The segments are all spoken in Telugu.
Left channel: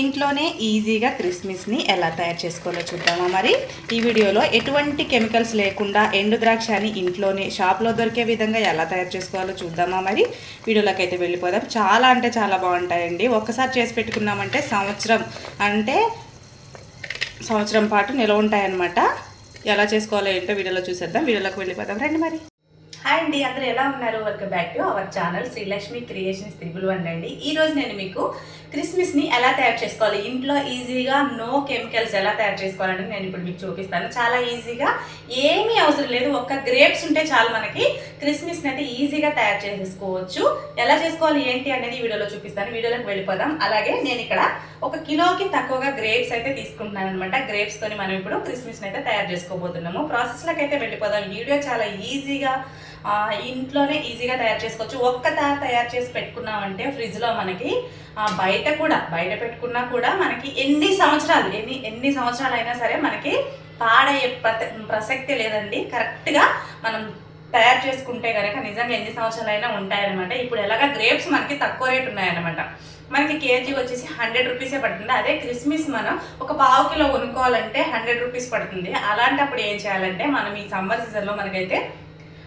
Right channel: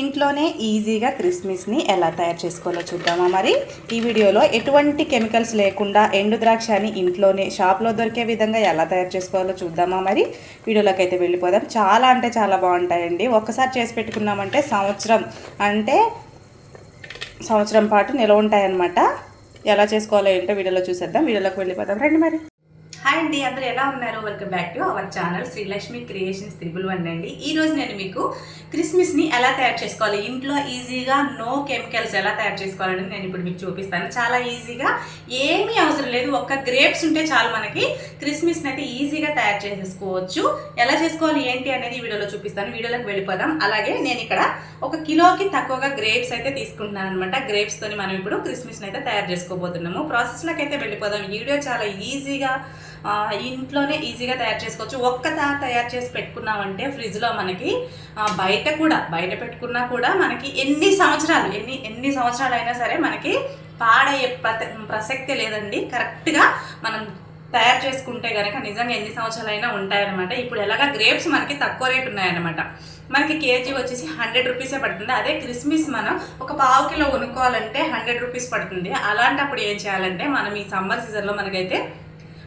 ఇంట్లోనే ఈజీగా క్రిస్మిస్ని ఎలా తయారు చేసుకోవాలో చూద్దామా మరి? ఈ వీడియోలో ఎటువంటి కెమికల్స్ లేకుండా ఎండు ద్రాక్షని ఇంట్లోనే షాప్లో దొరికే విధంగా ఎలా తయారు చేసుకోవాలో చూద్దామా మరి? వీడియోలోకి అయితే వెళ్ళిపోదాం. చాలా అంటే చాలా బాగుంటాయండి. ఒక్కసారి చేసి పెట్టుకున్నామంటే సంవత్సరం అంటే సంవత్సరం పాటు నిలవ ఉంటాయన్నమాట. ఎలా చేసుకోవాలో ఏంటో వీడియోలో చూసేద్దాం. వీడియోలోకి వెళ్ళిపోదాం. రండి మరి. హాయ్ అండి అందరూ ఎలా ఉన్నారు? Welcome back to our channel Srilakshmi creations triple one అండి. ఈ రోజు నేను మీకు క్రిస్మస్ని ఎలా తయారు చేసుకోవాలి? ఇంట్లో ఈజీగా నో కెమికల్స్ ఎలా తయారు చేసుకోవాలని నేను ఇప్పుడు మీకు చూపిస్తాను. చాలా ఈజీగా ఏమీ అవసరం లేదు. ఒక్క గ్రేప్స్ ఉంటే చాలు మనకి క్రిస్మస్ని అయితే ఈజీగా తయారు చేసేసుకోవచ్చు ఎలా చేసుకోవాలి ఏంటి అనేది వీడియోలో చూపిస్తాను. వీడియోలోకి వెళ్ళిపోదాం. అలాగే నేను ఇక్కడ ఒక కిలోకి తక్కువగా గ్రేప్స్ అయితే తీసుకుంటున్నాను అనమాట గ్రేప్స్ తోని మనం ఇప్పుడు క్రిస్మస్ని అయితే తయారు చేసుకోబోతున్నాము. ప్రాసెస్లోకి అయితే వెళ్ళిపోదాం. వీడియో చాలా ఈజీగా ఇంట్లోనే ఈజీగా తయారు చేసుకోవచ్చు. ఒక్క తయారు చేసి పెట్టుకున్నామంటే ఫ్రిడ్జ్లో మనకి బయట కూడా బయట పెట్టుకున్నా కూడా మనకి ఎన్ని సంవత్సరాలు ఎన్ని ఎన్ని సంవత్సరాలు అయినా సరే మనకి పాడయ్యే ప్రసక్తి లేదండి. కరెక్ట్గా మనం తయారు చేసుకుంటే కనుక నిజంగా ఎన్ని సంవత్సరాలు అయినా ఉంటాయన్నమాట. ఇప్పుడు ఎలాగా గ్రేప్స్ మనకి తక్కువ రేట్ ఉన్నాయన్నమాట. మనకి కేజీ వచ్చేసి హండ్రెడ్ రూపీసే పడుతుంది. అదే క్రిస్మస్ మనం ఒక పావు కిలో కొనుక్కోవాలంటే హండ్రెడ్ రూపీస్ పడుతుంది. అలాంటప్పుడు ఏం చేయాలంటే మనం ఈ సమ్మర్ సీజన్లో మనకైతే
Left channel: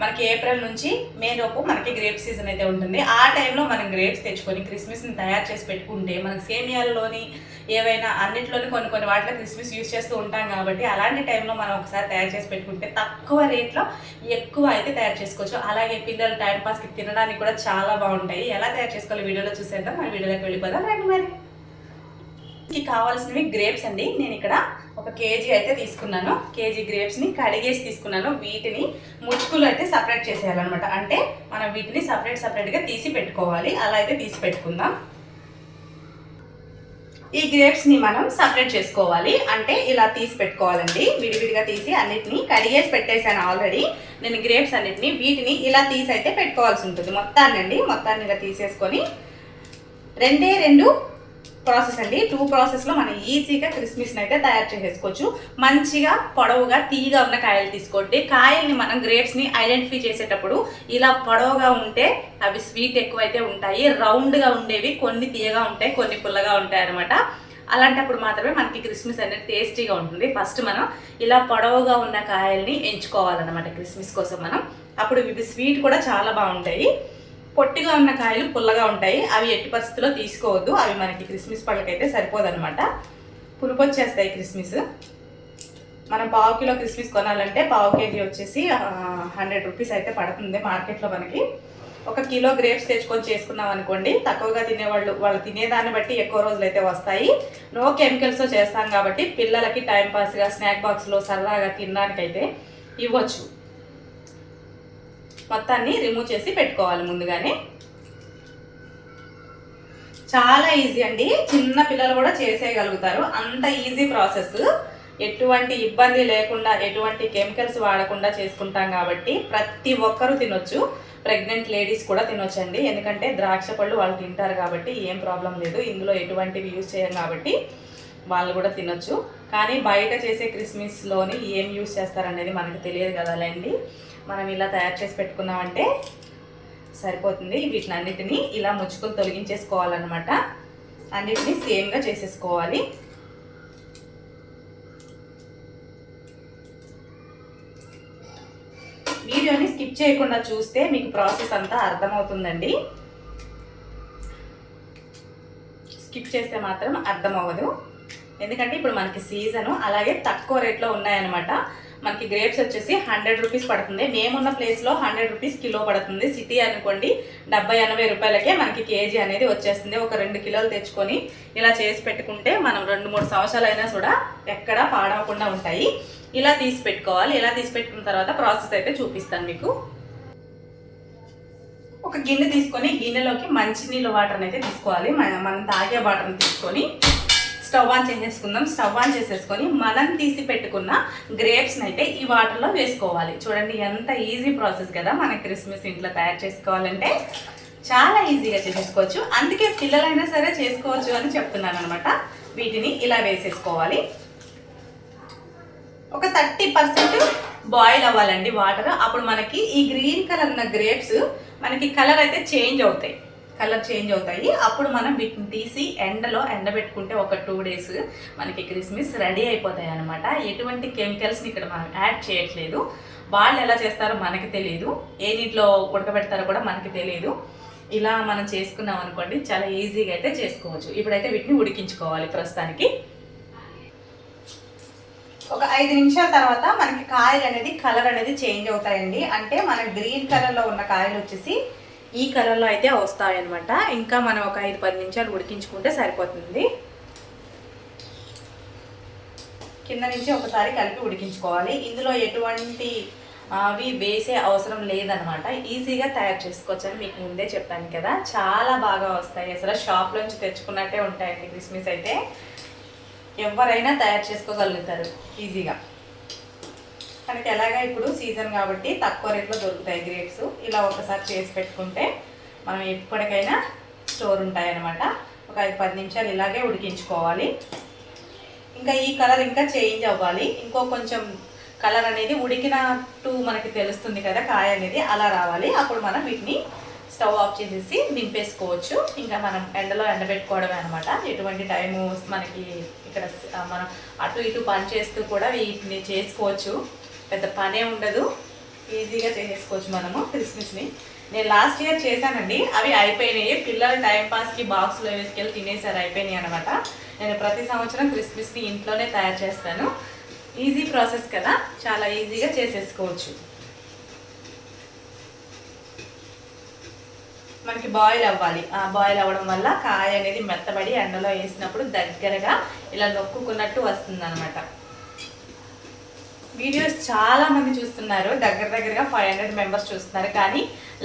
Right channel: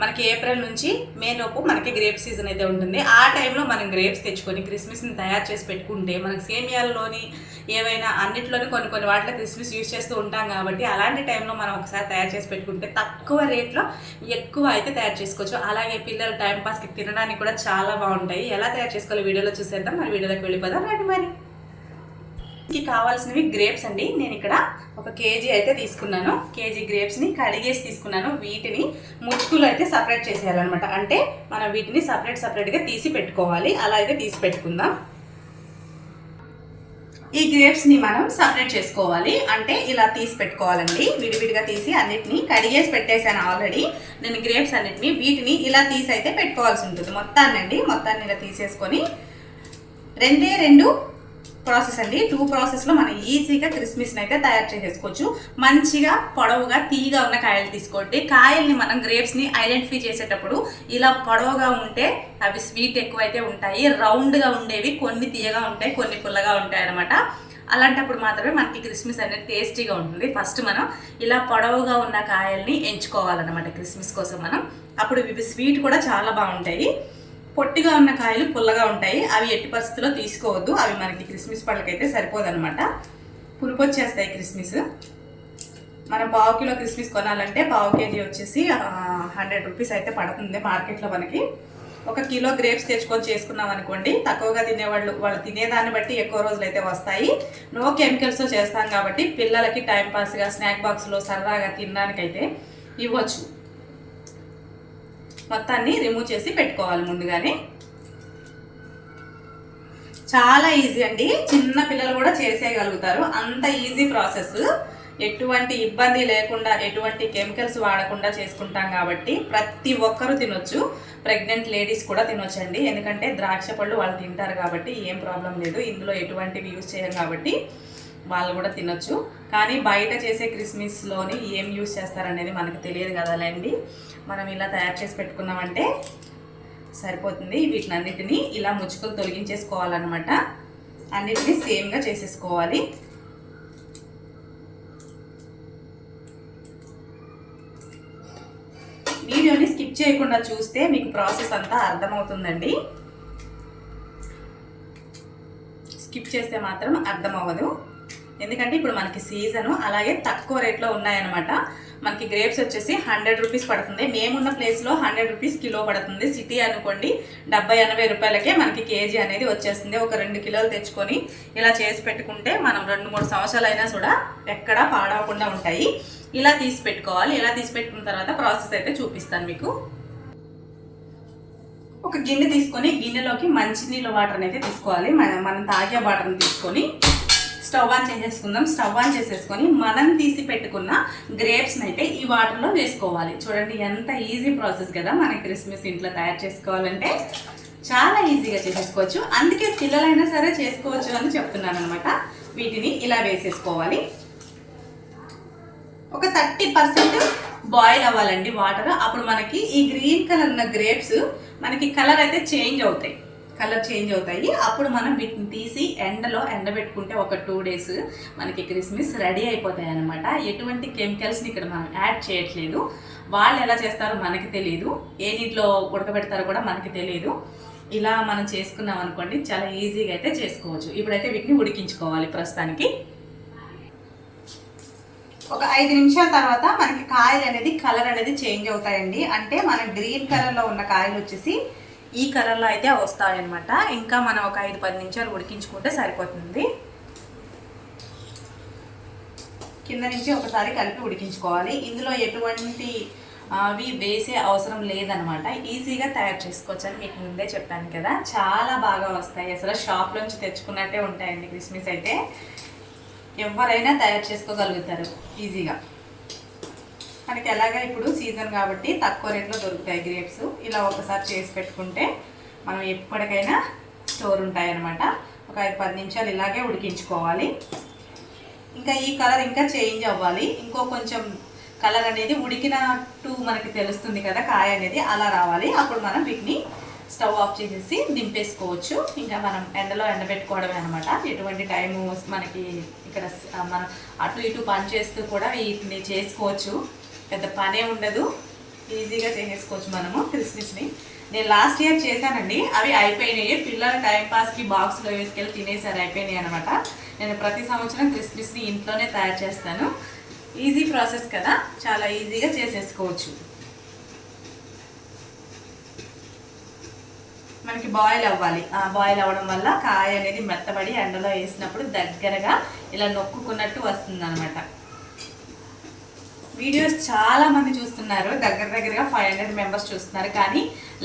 మనకి ఏప్రిల్ నుంచి మే లోపు మనకి గ్రేప్ సీజన్ అయితే ఉంటుంది. ఆ టైంలో మనం గ్రేప్స్ తెచ్చుకొని క్రిస్మస్ని తయారు చేసి పెట్టుకుంటే మనకి సేమియాల్లోని ఏవైనా అన్నిట్లోని కొన్ని కొన్ని వాటిలో క్రిస్మస్ యూజ్ చేస్తూ ఉంటాం కాబట్టి అలాంటి టైంలో మనం ఒకసారి తయారు చేసి పెట్టుకుంటే తక్కువ రేట్లో ఎక్కువ అయితే తయారు చేసుకోవచ్చు. అలాగే పిల్లల టైం పాస్కి తినడానికి కూడా చాలా బాగుంటాయి. ఎలా తయారు చేసుకోవాలి వీడియోలో చూసేద్దాం. మన వీడియోలోకి వెళ్ళిపోదాం. రండి మరి. కి కావాల్సినవి గ్రేప్స్ అండి. నేను ఇక్కడ ఒక కేజీ అయితే తీసుకున్నాను. కేజీ గ్రేప్స్ని కడిగేసి తీసుకున్నాను. వీటిని ముచ్చుకులు అయితే సపరేట్ చేసేయాలన్నమాట. అంటే మనం వీటిని సపరేట్ సపరేట్గా తీసి పెట్టుకోవాలి. అలా అయితే తీసి పెట్టుకుందాం. ఈ గ్రేప్స్ని మనం సపరేట్ చేసుకోవాలి. అంటే ఇలా తీసి పెట్టుకోవాలండి. విడివిడిగా తీసి అన్నిటిని కడిగేసి పెట్టేశాను ఆల్రెడీ నేను గ్రేప్స్ అన్నిటిని వీటిని ఇలా తీసి అయితే పెట్టుకోవాల్సి ఉంటుంది. మొత్తాన్ని అండి మొత్తాన్ని ఇలా తీసేసుకొని రెండే రెండు ప్రాసెస్ అండి. టూ ప్రాసెస్లో మనం ఈజీగా క్రిస్మస్ని అయితే తయారు చేసేసుకోవచ్చు. మంచిగా పొడవుగా తీగా ఉన్న కాయలు తీసుకోండి. కాయల్ని మనం గ్రేప్స్ని ఐడెంటిఫై చేసేటప్పుడు ఇలా పొడవుగా ఉంటే అవి స్వీట్ ఎక్కువైతే ఉంటాయి. రౌండ్గా ఉండేవి కొన్ని తీయగా ఉంటాయి కొన్ని పుల్లగా ఉంటాయి అనమాట అలాంటప్పుడు మాత్రమే మనకి క్రిస్మస్ అనేది టేస్టీగా ఉంటుంది. ఫస్ట్ మనం ఇలా పొడవుగా ఉన్న కాయల్ని ఎంచుకోవాలన్నమాట క్రిస్మస్ కోసం మనం. అప్పుడు ఇవి స్వీట్ కూడా చాలా బాగుంటాయి. పొట్టిగా ఉన్న కాయలు పుల్లగా ఉంటాయి. అవి ఎట్టి పరిస్థితుల్లో తీసుకోవద్దు. అవి మనకి క్రిస్మస్ పళ్ళకైతే సరిపోదనమాట పులుపు వచ్చేస్తాయి క్రిస్మస్. మనం పావు కిలో క్రిస్మస్ కొనాలంటే పావు కేజీ వచ్చేసి హండ్రెడ్ రూపీస్ అయితే పడుతుంది మార్కెట్లో మనకి. ఒక కిలో గ్రేప్స్ తెచ్చుకొని చేసుకున్నాం అనుకోండి తక్కువగా తినేవాళ్ళు వాళ్ళు తినేదాన్ని బట్టి ఎక్కువ రోజులు అయితే వస్తాయి. నో కెమికల్స్తో చేస్తాం కాబట్టి పిల్లలకి టైంపాస్గా స్నాక్ బాక్స్లో సరదాగా తినడానికైతే ఇవ్వచ్చు. మొత్తాన్ని రిమూవ్ చేసి పెట్టుకోవాలి ముందుగానే. చాలా ఈజీ అండి. చిన్న పిల్లలు కూడా చేసేయగలుగుతారు. అంత ఈజీ ప్రాసెస్ ఎటువంటి ఇబ్బంది లేకుండా ఎటువంటి కెమికల్స్ వాడకుండా చేసుకుంటాం కాబట్టి ప్రతి ఒక్కరూ తినొచ్చు. ప్రెగ్నెంట్ లేడీస్ కూడా తినొచ్చండి. ఎందుకంటే ద్రాక్ష పళ్ళు వాళ్ళు తింటారు కాబట్టి ఏం ప్రాబ్లం లేదు. ఇందులో ఎటువంటివి యూజ్ చేయం కాబట్టి వాళ్ళు కూడా తినొచ్చు. కానీ బయట చేసే క్రిస్మస్లోని ఏం యూజ్ చేస్తారనేది మనకు తెలియదు కదాలేండి మనం ఇలా తయారు చేసి పెట్టుకున్నామంటే సరిపోతుంది. వీటిని అన్నిటినీ ఇలా ముచ్చుకులు తొలగించేసుకోవాలన్నమాట. అన్నిటినీ సేమ్గా చేసేసుకోవాలి. వీడియోని స్కిప్ చేయకుండా చూస్తే మీకు ప్రాసెస్ అంతా అర్థమవుతుందండి. స్కిప్ చేస్తే మాత్రం అర్థం అవ్వదు ఎందుకంటే ఇప్పుడు మనకి సీజను అలాగే తక్కువ రేట్లో ఉన్నాయన్నమాట. మనకి గ్రేప్స్ వచ్చేసి హండ్రెడ్ రూపీస్ పడుతుంది. మేమున్న ప్లేస్లో హండ్రెడ్ రూపీస్ కిలో పడుతుంది. సిటీ అనుకోండి డెబ్బై ఎనభై రూపాయలకే మనకి కేజీ అనేది వచ్చేస్తుంది. ఒక రెండు కిలోలు తెచ్చుకొని ఇలా చేసి పెట్టుకుంటే మనం రెండు మూడు సంవత్సరాలు అయినా కూడా ఎక్కడా పాడవకుండా ఉంటాయి. ఇలా తీసి పెట్టుకోవాలి. ఇలా తీసి పెట్టుకున్న తర్వాత ప్రాసెస్ అయితే చూపిస్తాను మీకు. ఒక గిన్నె తీసుకొని గిన్నెలోకి మంచినీళ్ళ వాటర్ అయితే తీసుకోవాలి. మన- మనం తాగే వాటర్ని తీసుకొని స్టవ్ ఆన్ చేసేసుకుందాం. స్టవ్ ఆన్ చేసేసుకొని మనం తీసి పెట్టుకున్న గ్రేప్స్ని అయితే ఈ వాటర్లో వేసుకోవాలి. చూడండి ఎంత ఈజీ ప్రాసెస్ కదా మన క్రిస్మస్ ఇంట్లో తయారు చేసుకోవాలంటే. చాలా ఈజీగా చేసేసుకోవచ్చు. అందుకే పిల్లలైనా సరే చేసుకోవచ్చు అని చెప్తున్నాను అనమాట వీటిని ఇలా వేసేసుకోవాలి. ఒక థర్టీ పర్సెంట్ బాయిల్ అవ్వాలండి వాటర్. అప్పుడు మనకి ఈ గ్రీన్ కలర్ ఉన్న గ్రేప్స్ మనకి కలర్ అయితే చేంజ్ అవుతాయి. కలర్ చేంజ్ అవుతాయి. అప్పుడు మనం వీటిని తీసి ఎండలో ఎండబెట్టుకుంటే ఒక టూ డేస్ మనకి క్రిస్మస్ రెడీ అయిపోతాయి అనమాట ఎటువంటి కెమికల్స్ని ఇక్కడ మనం యాడ్ చేయట్లేదు. వాళ్ళు ఎలా చేస్తారో మనకి తెలియదు ఏ నీటిలో ఉడకబెడతారో కూడా మనకి తెలియదు ఇలా మనం చేసుకున్నాం అనుకోండి చాలా ఈజీగా అయితే చేసుకోవచ్చు. ఇప్పుడైతే వీటిని ఉడికించుకోవాలి ప్రస్తుతానికి. ఒక ఐదు నిమిషాల తర్వాత మనకి కాయలు అనేది కలర్ అనేది చేంజ్ అవుతాయండి. అంటే మన గ్రీన్ కలర్లో ఉన్న కాయలు వచ్చేసి ఈ కలర్లో అయితే వస్తాయన్నమాట. ఇంకా మనం ఒక ఐదు పది నిమిషాలు ఉడికించుకుంటే సరిపోతుంది. కింద నుంచి ఒకసారి కలిపి ఉడికించుకోవాలి. ఇందులో ఎటువంటి అవి వేసే అవసరం లేదనమాట ఈజీగా తయారు చేసుకోవచ్చు అని మీకు ముందే చెప్పాను కదా. చాలా బాగా వస్తాయి. అసలు షాప్ నుంచి తెచ్చుకున్నట్టే ఉంటాయండి క్రిస్మస్ అయితే. ఎవరైనా తయారు చేసుకోగలుగుతారు ఈజీగా. మనకి ఎలాగా ఇప్పుడు సీజన్ కాబట్టి తక్కువ రేట్లో దొరుకుతాయి గ్రేప్స్. ఇలా ఒకసారి చేసి పెట్టుకుంటే మనం ఎప్పటికైనా స్టోర్ ఉంటాయి అనమాట ఒక ఐదు పది నిమిషాలు ఇలాగే ఉడికించుకోవాలి. ఇంకా ఈ కలర్ ఇంకా చేంజ్ అవ్వాలి. ఇంకో కొంచెం కలర్ అనేది ఉడికినట్టు మనకి తెలుస్తుంది కదా కాయ అనేది అలా రావాలి. అప్పుడు మనం వీటిని స్టవ్ ఆఫ్ చేసేసి దింపేసుకోవచ్చు. ఇంకా మనం ఎండలో ఎండబెట్టుకోవడమే అనమాట ఎటువంటి టైము మనకి ఇక్కడ మనం అటు ఇటు పని చేస్తూ కూడా వీటిని చేసుకోవచ్చు. పెద్ద పనే ఉండదు. ఈజీగా చేసేసుకోవచ్చు మనము క్రిస్మస్ని నేను లాస్ట్ ఇయర్ చేశానండి. అవి అయిపోయినాయి. పిల్లల టైంపాస్కి బాక్స్లో వేసుకెళ్ళి తినేసారు. అయిపోయినాయి అనమాట నేను ప్రతి సంవత్సరం క్రిస్మస్ని ఇంట్లోనే తయారు చేస్తాను. ఈజీ ప్రాసెస్ కదా. చాలా ఈజీగా చేసేసుకోవచ్చు. మనకి బాయిల్ అవ్వాలి. ఆ బాయిల్ అవ్వడం వల్ల కాయ అనేది మెత్తబడి ఎండలో వేసినప్పుడు దగ్గరగా ఇలా నొక్కుకున్నట్టు వస్తుంది అనమాట వీడియోస్ చాలా మంది చూస్తున్నారు. దగ్గర దగ్గరగా ఫైవ్ హండ్రెడ్ మెంబర్స్ చూస్తున్నారు. కానీ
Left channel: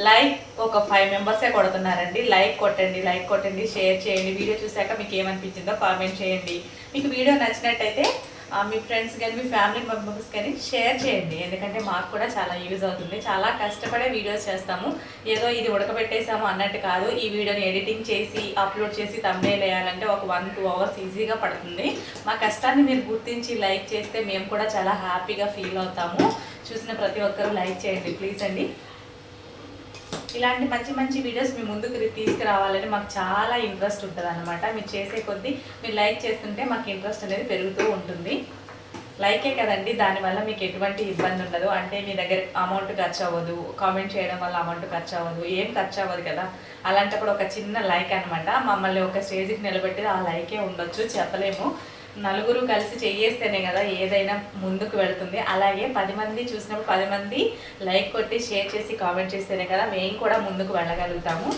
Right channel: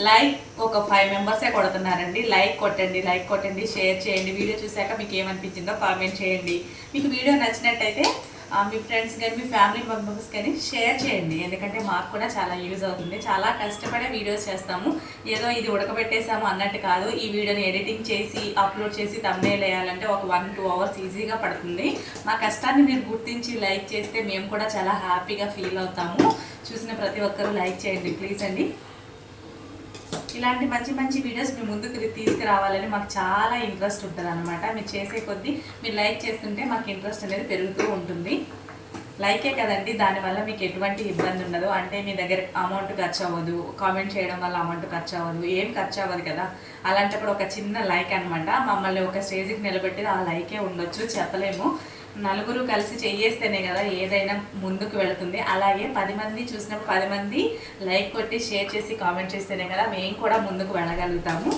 లైక్ ఒక ఫైవ్ మెంబర్సే కొడుతున్నారండి. లైక్ కొట్టండి లైక్ కొట్టండి షేర్ చేయండి. వీడియో చూశాక మీకు ఏమనిపించిందో కామెంట్ చేయండి. మీకు వీడియో నచ్చినట్టయితే మీ ఫ్రెండ్స్ కానీ మీ ఫ్యామిలీ మెంబర్స్ కానీ షేర్ చేయండి. ఎందుకంటే మాకు కూడా చాలా యూజ్ అవుతుంది. చాలా కష్టపడే వీడియోస్ చేస్తాము. ఏదో ఇది ఉడకబెట్టేసాము అన్నట్టు కాదు. ఈ వీడియోని ఎడిటింగ్ చేసి అప్లోడ్ చేసి తమ్నేల్ వేయాలంటే ఒక వన్ టూ అవర్స్ ఈజీగా పడుతుంది. మా కష్టాన్ని మీరు గుర్తించి లైక్ చేస్తే మేము కూడా చాలా హ్యాపీగా ఫీల్ అవుతాము. చూసిన ప్రతి ఒక్కరూ లైక్ చేయండి. ప్లీజ్ అండి. ఇలాంటి మంచి మంచి వీడియోస్ మీ ముందుకు తీసుకురావాలని మాకు చాలా ఇంట్రెస్ట్ ఉంటుంది అనమాట మీరు చేసే కొద్దీ మీరు లైక్ చేస్తుంటే మాకు ఇంట్రెస్ట్ అనేది పెరుగుతూ ఉంటుంది. లైకే కదండి దానివల్ల మీకు ఎటువంటి ఇబ్బంది ఉండదు. అంటే మీ దగ్గర అమౌంట్ ఖర్చు అవ్వదు. కామెంట్ చేయడం వల్ల అమౌంట్ ఖర్చు అవ్వదు. ఏం ఖర్చు అవ్వదు కదా. అలాంటప్పుడు ఒక చిన్న లైక్ అనమాట మమ్మల్ని ఒక స్టేజ్కి నిలబెట్టి ఆ లైకే ఉండొచ్చు చెప్పలేము. నలుగురు కలిసి చేయేస్తేనే కదా ఏదైనా ముందుకు వెళుతుంది. అలాగే పది మంది చూసినప్పుడు పది మంది లైక్ కొట్టి షేర్ చేసి కామెంట్ చేస్తేనే కదా మేము కూడా ముందుకు వెళ్ళగలుగుతాము.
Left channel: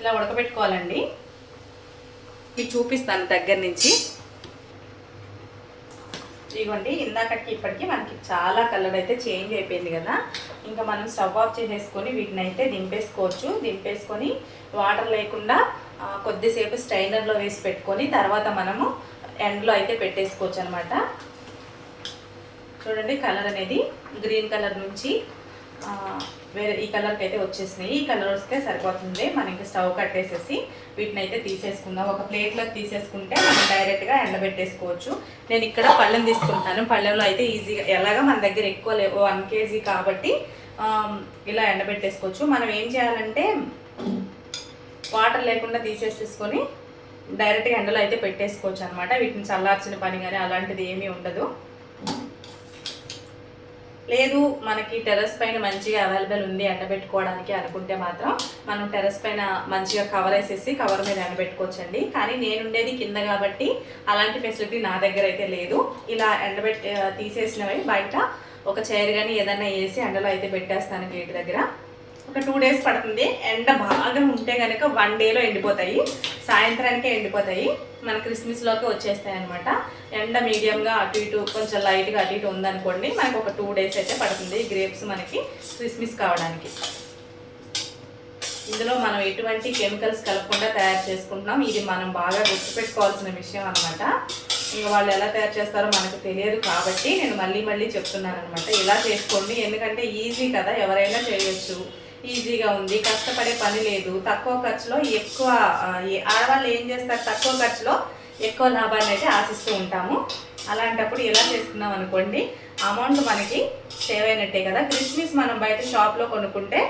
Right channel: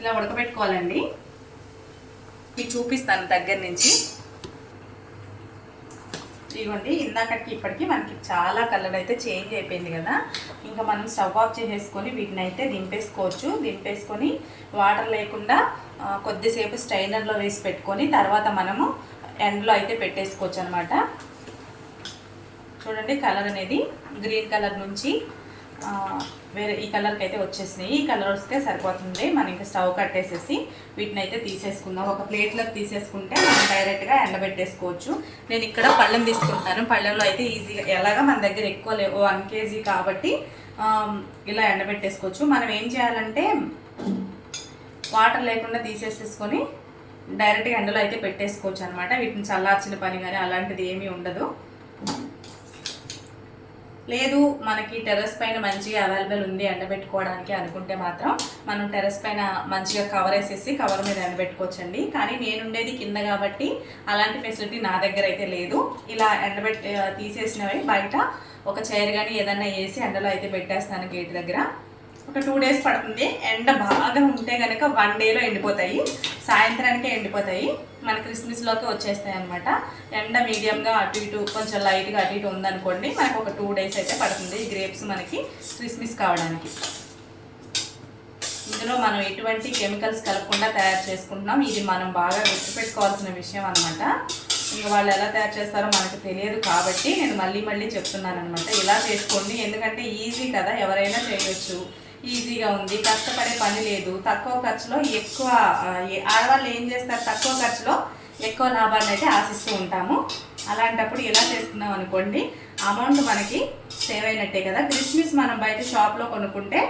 ఇలా ఉడకబెట్టుకోవాలండి. మీకు చూపిస్తాను దగ్గర నుంచి. ఇదిగోండి ఇందాకకి ఇప్పటికి మనకి చాలా కలర్ అయితే చేంజ్ అయిపోయింది కదా. ఇంకా మనం స్టవ్ ఆఫ్ చేసేసుకొని వీటిని అయితే దింపేసుకోవచ్చు. దింపేసుకొని వాటర్ లేకుండా కొద్దిసేపు స్ట్రైనర్లో వేసి పెట్టుకొని తర్వాత మనము ఎండ్లో అయితే పెట్టేసుకోవచ్చు అనమాట చూడండి కలర్ అనేది గ్రీన్ కలర్ నుంచి వేరే ఈ కలర్కి అయితే వచ్చేసినాయి. ఈ కలర్ వస్తే సరిపోతుంది. మనం ఇంకా స్టవ్ కట్టేసేసి వీటిని అయితే తీసేసుకుందాం. ఒక ప్లేట్లోకి తీసేసుకుంటే మనం డైరెక్ట్గా ఎండబెట్టేసుకోవచ్చు. నేను ఇక్కడ పళ్ళెం తీసుకుంటాను. పళ్ళెంలో అయితే ఈజీగా ఎలాగా మన దగ్గర ఎక్కువ లేవు. వన్ కేజీ కాబట్టి ఇలా ఎండబెట్టేసుకోవచ్చు. మనం ఏం చేయాలంటే వాటర్ లేకుండా తీసేసేసుకొని డైరెక్ట్గా ఎండలో అయితే పెట్టేసుకోవచ్చు అనమాట వీటిని చల్లార్చిన పని కానీ అలాంటిది ఏమీ ఉండదు. లేదు మనకి టెర్రస్ పైన మంచిగా అవైలబుల్ ఉంది ఎండబెట్టుకోవడానికి అనుకుంటే మాత్రం మనం టెర్రస్ పైన మంచిగా కవర్ వేసేసి కవర్ మీద ఎండబెట్టుకోవచ్చండి కానీ నేను ఉండేది కింద కాబట్టి అలాంటి ఫెసిలిటీ నా దగ్గర అయితే లేదు. ఇలా ఎండబెట్టి తీసేసినవి బయట ఒక చైర్ కానీ ఏదన్నా వేసి ఎండలో అయితే పెట్టేస్తాను గేట్ దగ్గర. ఒక టూ డేస్ పడుతుంది. ఎండ బాగా ఉంటే కనుక వన్ డేలో ఎండిపోతాయి. సాయంత్రానికే ఎండిపోతాయి. మన క్రిస్మస్లోకి వచ్చేస్తాయి అనమాట ఎండ మీడియంగా అటు ఇటు కొంచెం లైట్గా అటు ఇటు ఉందనుకోండి మనకు ఒక టూ డేస్ అయితే పడుతుంది ఈ గ్రేప్స్ మనకి క్రిస్మస్ కావడానికి. ఇందులో మనం ఎటువంటి కెమికల్స్ కలపకుండా తయారు చేసుకుంటున్నాం. ఇది మనం బాగా గుర్తుపెట్టుకోవాల్సిన విషయం అనమాట ఇంకా వాళ్ళు ఎలా తయారు చేస్తారో మనకు తెలియదు కాబట్టి నేను మళ్ళీ మళ్ళీ చెప్తున్నాను అనమాట ఇలా చేసుకోండి. ఎందుకంటే ఈజీ కదా. ఎవరైనా చేయొచ్చు. ఈజీగా ఉంది కష్టపడే పని లేదు. తక్కువ ఖర్చులో ఎక్కువ ఆడవాళ్ళు ఏం చేస్తారు? తక్కువ ఖర్చులో ఎక్కువ లాభాన్ని అయితే ఆశిస్తూ ఉంటాము. అలాంటప్పుడు ఎలా చేసుకుందాం అనుకోండి అమౌంట్ మనకి సేవ్ అయినట్టే కదా. క్రిస్మస్ మనం బయట షాప్లో కొనుక్కుంటే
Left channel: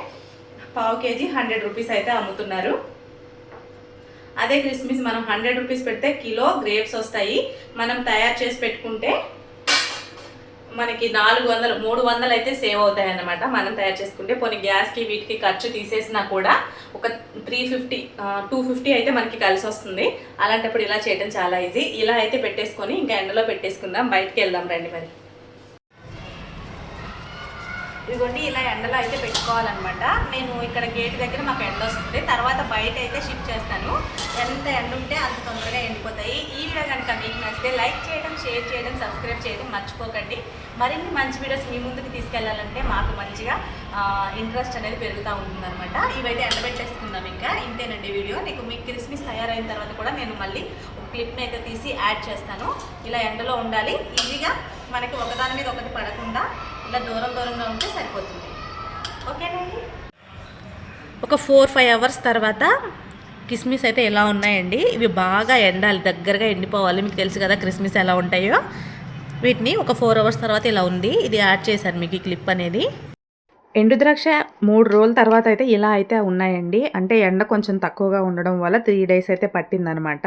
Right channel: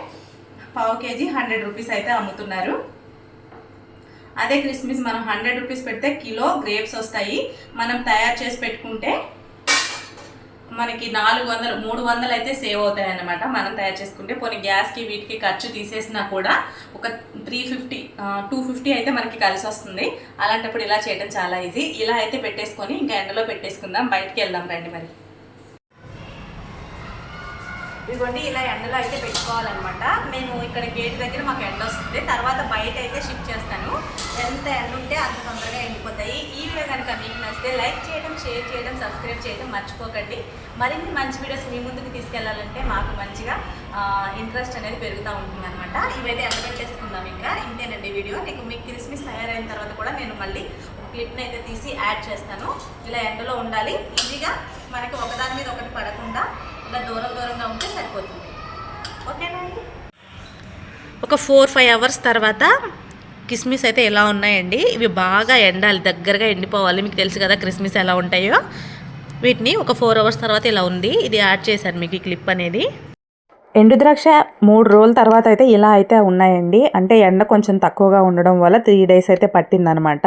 పావు కేజీ హండ్రెడ్ రూపీస్ అయితే అమ్ముతున్నారు. అదే క్రిస్మస్ మనం హండ్రెడ్ రూపీస్ పెడితే కిలో గ్రేప్స్ వస్తాయి. మనం తయారు చేసి పెట్టుకుంటే మనకి నాలుగు వందలు మూడు వందలు అయితే సేవ్ అవుతాయి అన్నమాట మనం తయారు చేసుకుంటే పోనీ గ్యాస్కి వీటికి ఖర్చు తీసేసినా కూడా ఒక త్రీ ఫిఫ్టీ టూ ఫిఫ్టీ అయితే మనకి కలిసి వస్తుంది. అలాంటప్పుడు ఇలా చేయడం చాలా ఈజీ ఇలా అయితే పెట్టేసుకొని ఇంకా ఎండలో పెట్టేసుకుందాం. బయటికి వెళ్దాం రండి మరి. ఇదిగోండి ఇలా ఎండలో అయితే పెట్టుకోవాలన్నమాట. నేను ఇక్కడ గేట్ దగ్గర మాకు ఎండ వస్తుంది. తర్వాత బయట అయితే షిఫ్ట్ చేస్తాను. ఎంత ఎండ ఉంటే అంత తొందరగా ఎండిపోతాయి. ఈ వీడియో కనుక మీకు నచ్చితే లైక్ చేయడం షేర్ చేయడం సబ్స్క్రైబ్ చేయడం మర్చిపోకండి. మరిన్ని మంచి వీడియోస్ మీ ముందుకు తీసుకెళ్ళాలంటే మాకు మంచిగా ఇంట్రెస్ట్ అనేది పెరుగుతూ ఉంటుంది అనమాట ఇవైతే ఎండబెట్టేసుకుందాం ఇంకా. ఇంతేనండి వీడియో. నీకు మీకు క్రిస్మస్ తయారైన తర్వాత కూడా నేను మళ్ళీ ఒక క్లిప్ని అయితే తీసి యాడ్ చేస్తాను. ఇలా ఎండలో ఉండాలి. ఈజీగా మనకి ఒకదాని మీద ఒకటి పడకుండా ఇలా దూరం దూరంగా ఉంటే సరిపోతుంది. ఓకేనండి ఒక ఫోర్ ఫైవ్ అవర్స్ తర్వాత కిస్మిస్ అయితే ఎలా ఉన్నాయండి? ఇవి బాగా ఎండాలి దగ్గరగా ఎండిపోవాలి. మీకు తెలుసు కదా క్రిస్మస్ ఎలా ఉంటాయో. వీటిని ఒక ఫోర్ అవర్స్ తర్వాత ఇలా ఉంది. ఇది యాడ్ చేశాను మీకు ఈ క్లిప్ అనేది. ఎండు ద్రాక్ష మూడు రోజుల తర్వాత అయితే ఇలా అయితే ఉన్నాయండి. అంటే ఎండ కొంచెం తక్కువగా ఉండడం వల్ల త్రీ డేస్ అయితే పట్టిందనమాట.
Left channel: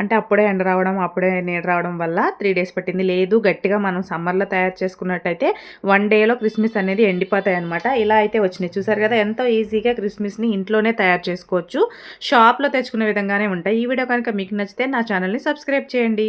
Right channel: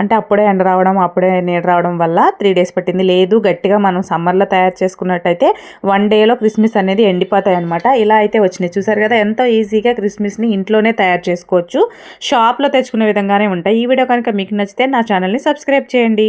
అంటే అప్పుడే ఎండ రావడం అప్పుడే నీడ రావడం వల్ల త్రీ డేస్ పట్టింది. లేదు గట్టిగా మనం సమ్మర్లో తయారు చేసుకున్నట్టయితే వన్ డేలో క్రిస్మస్ అనేది ఎండిపోతాయి అనమాట ఇలా అయితే వచ్చినాయి. చూసారు కదా ఎంతో ఈజీగా క్రిస్మస్ని ఇంట్లోనే తయారు చేసుకోవచ్చు. షాప్లో తెచ్చుకునే విధంగానే ఉంటాయి. ఈ వీడియో కనుక మీకు నచ్చితే నా ఛానల్ని సబ్స్క్రైబ్ చేయండి.